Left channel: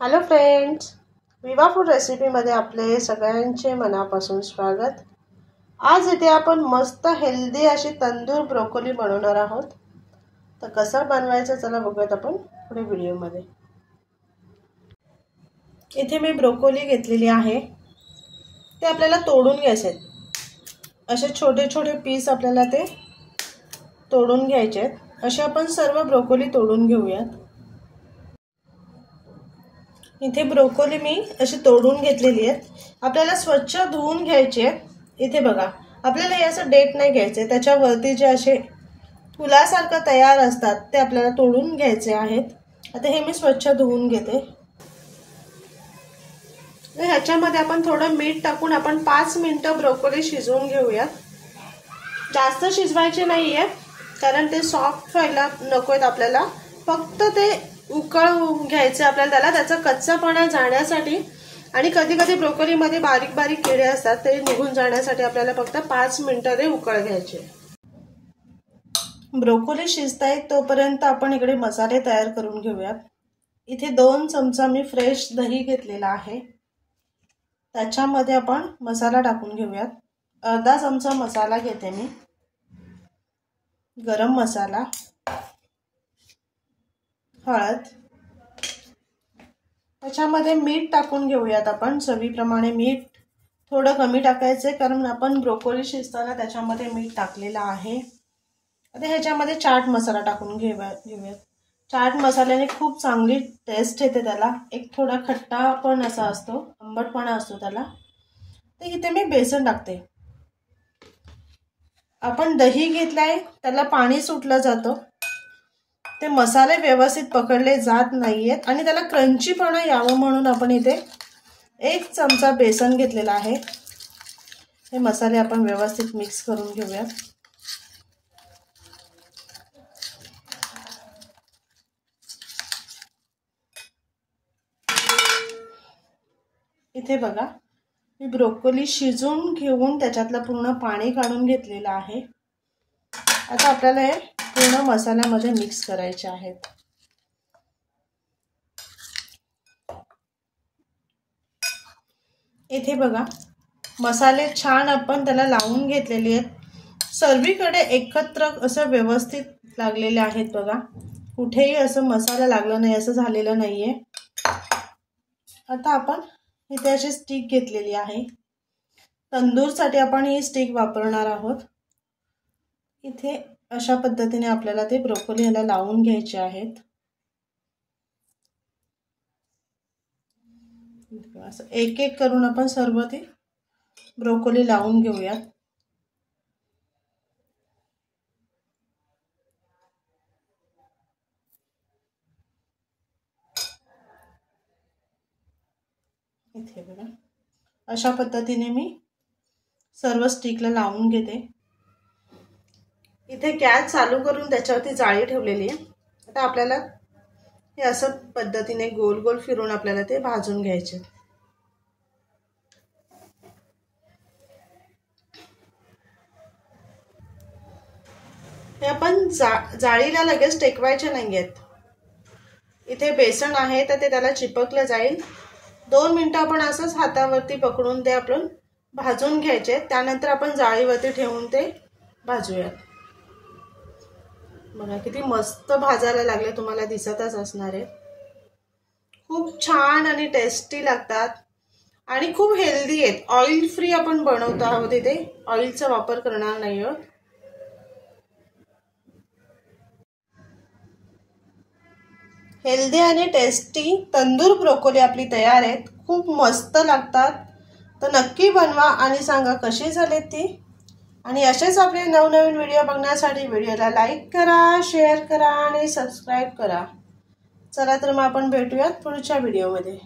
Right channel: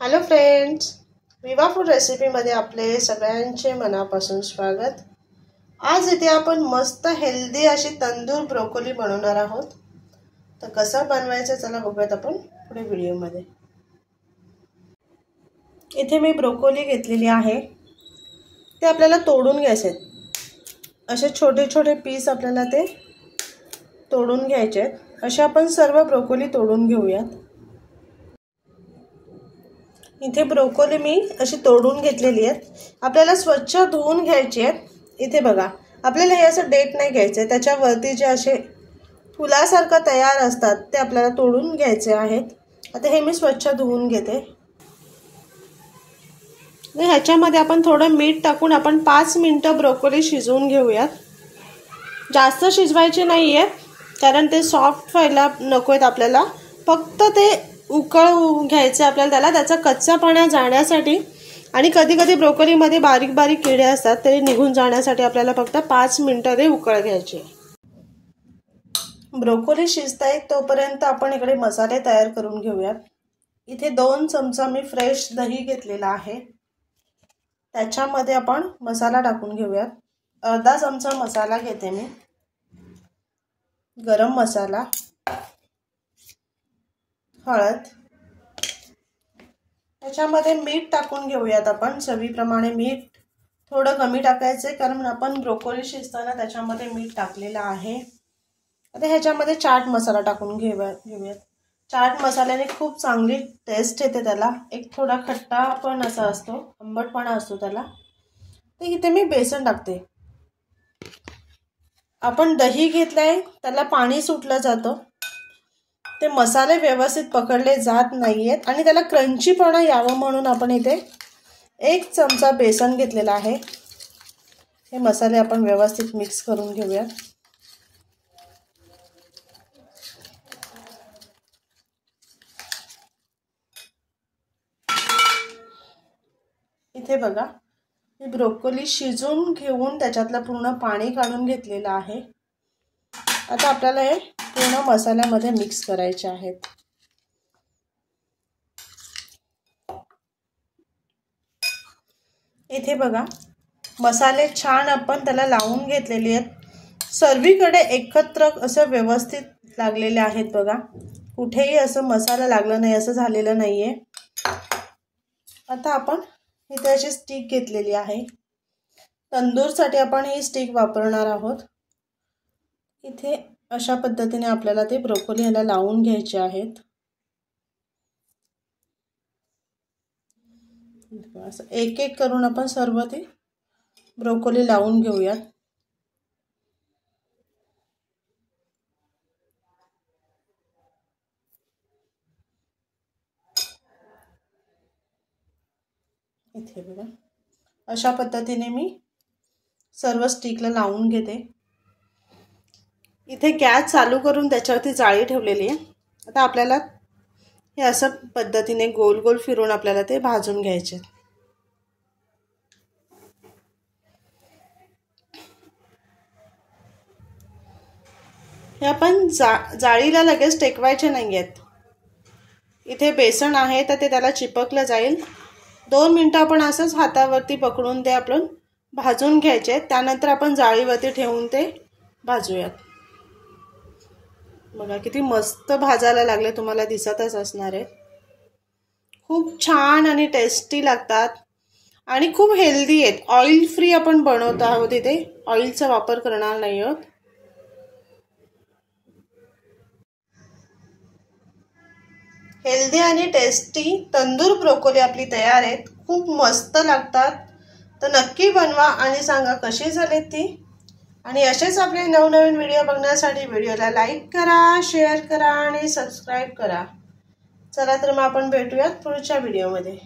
Hello friends, विवा food रेसिपीमध्ये आपले सगळ्यांचे मनापासून स्वागत। आज इथे आपण मस्त हेल्दी अशी तंदूर ब्रोकोली बनवणार आहोत। तर कसं बनवायचं चला बघूयात आपण पुढे व्हिडिओमध्ये। इथे मी ब्रोकोली घेतलेली आहे, ते आपल्याला तोडून घ्यायचे आहेत। असे छोटे छोटे पीस आपल्याला ते तोडून घ्यायचे आहेत। असे आपण सर्व ब्रोकोली तोडून घेऊयात। इथे ब्रोकोली मी अशी तोडून घेतलेली आहे। आपल्याला स्वच्छ धुवून घ्यायची आहे। इथे बघा, आपल्याला हे असं डेट नाही घ्यायचे, त्याच्यावरती जे असे फुलासारखं तयार असतात ते आपल्याला तोडून घ्यायचे आहेत। आता हे मी स्वच्छ धुवून घेते। ह्याच्यामध्ये आपण थोडं मीठ टाकून आपण 5 मिनिटं ब्रोकोली शिजवून घेऊयात। जास्त शिजवायचे नाहीये, कारण ते सॉफ्ट व्हायला नकोत आपल्याला, फक्त ते उकळून घ्यायचं आपल्याला, त्याचा कच्चापणा जाण्यासाठी। आणि कधी कधी ब्रोकोलीमध्ये बारीक बारीक किडे असतात, ते निघून जाण्यासाठी आपल्याला फक्त 5 मिनिटं ते उकळ घ्यायचे। ब्रोकोली शिजताय तोपर्यंत आपण इकडे मसाले तयार करून घेऊयात। इथे 2 चमचा मी फ्रेश दही घेतलेला आहे, त्याच्यामध्ये आपण मसाला टाकून घेऊयात। अर्धा चमचा मसाला घेते मी, गरम मसाला, हळद, त्याच्यामध्ये मीठ टाकून घेऊयात आपण चवीप्रमाणे। मीठ थोडं कमी टाकायचे, कारण आपण ब्रोकोली शिजताना त्याच्यामध्ये मीठ टाकलेलं आहे। आता ह्याच्यामध्ये चाट मसाला टाकून घेऊयात। चाट मसाल्याने खूप चांगली टेस्ट येते, त्याला एक थोडा खट्टा पण असा असतो, आंबटपणा असतो त्याला। तर इथे मी बेसन टाकते। आपण दही घेतलाय, त्याला पाणी सुटलं जातं, ते मसाले व्यवस्थित पकडले जात नाहीयेत आणि त्याला क्रंचीपणा यावं म्हणून आपण इथे 1 चमचा बेसन घेतलेला आहे। हे मसाले आपण व्यवस्थित मिक्स करून घेऊया। इथे बघा, मी ब्रोकोली शिजवून घेऊन त्याच्यातलं पूर्ण पाणी काढून घेतलेलं आहे। आता आपल्याला हे पूर्ण मसाल्यामध्ये मिक्स करायचे आहेत। इथे बघा, मसाले छान आपण त्याला लावून घेतलेले आहेत। सर्वीकडे एकत्र असं व्यवस्थित लागलेले आहेत बघा, कुठेही असं मसाला लागला नाही असं झालेलं नाहीये। आता आपण इथे अशी स्टिक घेतलेली आहे, तंदूरसाठी आपण ही स्टिक वापरणार आहोत। इथे अशा पद्धतीने आपल्याला ते ब्रोकोली ह्याला लावून घ्यायचे आहेत। असं एक एक करून आपण सर्व ते ब्रोकोली लावून घेऊयात। इथे बघा, अशा पद्धतीने मी सर्व स्टिकला लावून घेते। इथे गॅस चालू करून त्याच्यावरती जाळी ठेवलेली आहे। आता आपल्याला हे असं पद्धतीने गोल गोल फिरून आपल्याला ते भाजून घ्यायचे। हे आपण जाळीला लगेच टेकवायचे नाहीयेत। इथे बेसन आहे तर ते त्याला चिपकलं जाईल। 2 मिनिटं आपण असंच हातावरती पकडून ते आपण भाजून घ्यायचे, त्यानंतर आपण जाळीवरती ठेवून ते भाजूयात। बघा किती मस्त भाजायला लागले, तुम्हाला दिसतच असणार आहे। खूप छान आणि टेस्टी लागतात आणि खूप हेल्दी आहेत। ऑइल फ्री आपण बनवत आहोत, इथे ऑइलचा वापर करणार नाही आहोत। हेल्दी आणि टेस्टी तंदूर ब्रोकोली आपली तयार आहेत, खूप मस्त लागतात। तर नक्की बनवा आणि सांगा कशी झाली ती। आणि असेच आपले नवनवीन व्हिडिओ बघण्यासाठी व्हिडिओला लाईक करा, शेअर करा आणि सबस्क्राईब करा। चला तर मग आपण भेटूयात पुढच्या व्हिडिओमध्ये।